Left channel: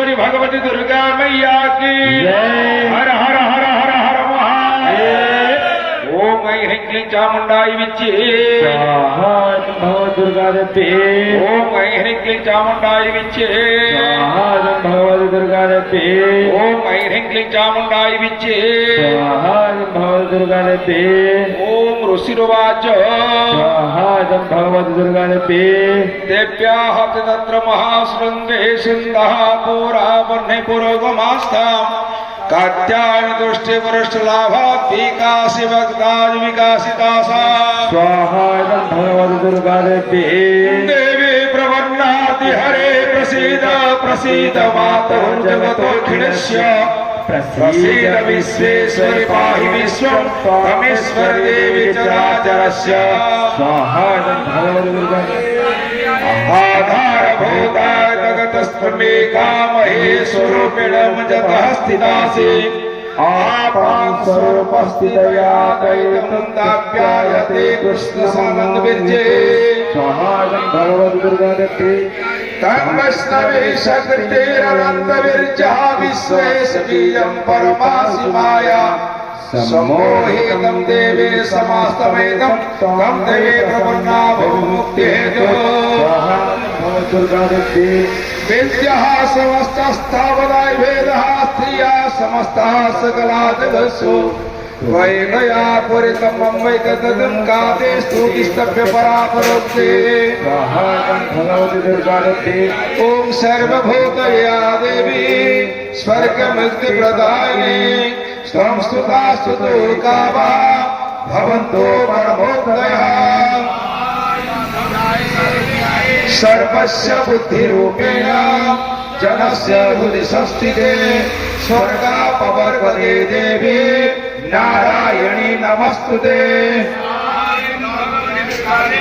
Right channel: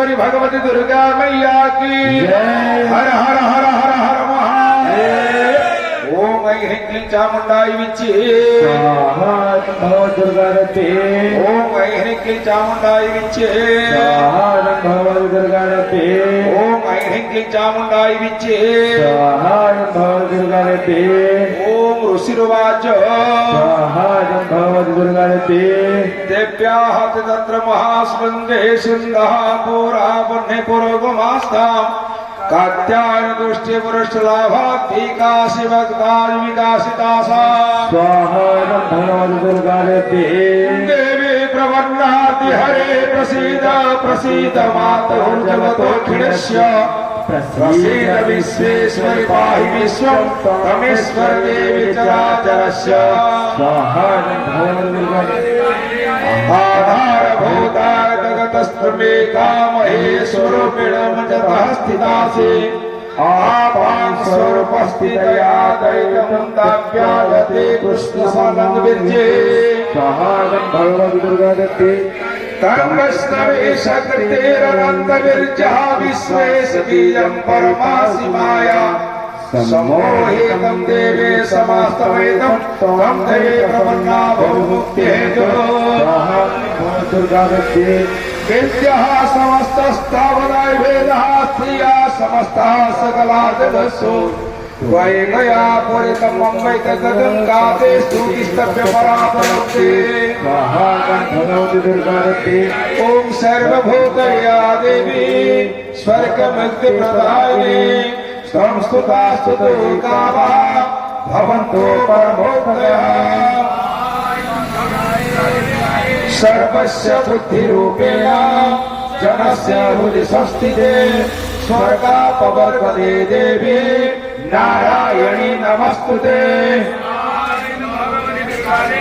परमेश्वरी भगवती दुर्गा मैया की हर हर हर हर हर महादेव। ओम ऐं ह्रीं क्लीं चामुंडाई विच्चे स्वाहा भगवती दुर्गा देवी। ओम ऐं ह्रीं क्लीं चामुंडाई विच्चे स्वाहा भगवती दुर्गा देवी। ओम ऐं ह्रीं क्लीं चामुंडाई विच्चे स्वाहा भगवती दुर्गा देवी। ओम ऋषिरुवाच स्वाहा भगवती दुर्गा देवी। देव्याः तत्र महाशृङ्गे सिन्धः पुरा वह्ने पुरोगमास्ताम् कात्यायन दृष्टि वरिष्ठ लाभात् विकासि वक्ताज विकासितासा स्वाहा भगवती दुर्गा देवी। देवी प्रवन्नाति हरे प्रसीद प्रसीद मातुर्जगतोऽखिलस्य प्रसीद विश्वेश्वरि पाहि विश्वं त्वमेश्वर देवी चराचरस्य स्वाहा भगवती दुर्गा देवी। आधारभूताय जगतस्त्वमेका महेश्वरूपिणं जतः स्थितासि आपां स्वरूपस्थितया दैतमुन्दाप्यायते कृष्णसमन्विते स्वाहा भगवती दुर्गा देवी। तं वैष्णवे शक्तिरनन्तविर्जः विश्वेश बीजं परमासि माया सम्मोहितं देवे समास्तमेतं तं देवे प्रपन्ना भवमुक्त्येतो दुर्गा देवी। वेद्यः समस्तस्थावराय वेदः स्त्रियः समस्तः सकला जगत्सु वैगया पुरितमं वैकततं काते स्तुतिस्तभ्य परापरोक्ते भगवती दुर्गा देवी। ॐ सर्वभूतया देवी स्वर्गमुक्तिप्रदायिनी त्वं स्तुता स्तुतोकामा भवन्तो परमोक्तयः सर्वस्य बुद्धिरूपेण जनस्य बुद्धिसंस्थिते स्वर्गापवर्गते देवी नारायणी नमस्तुते।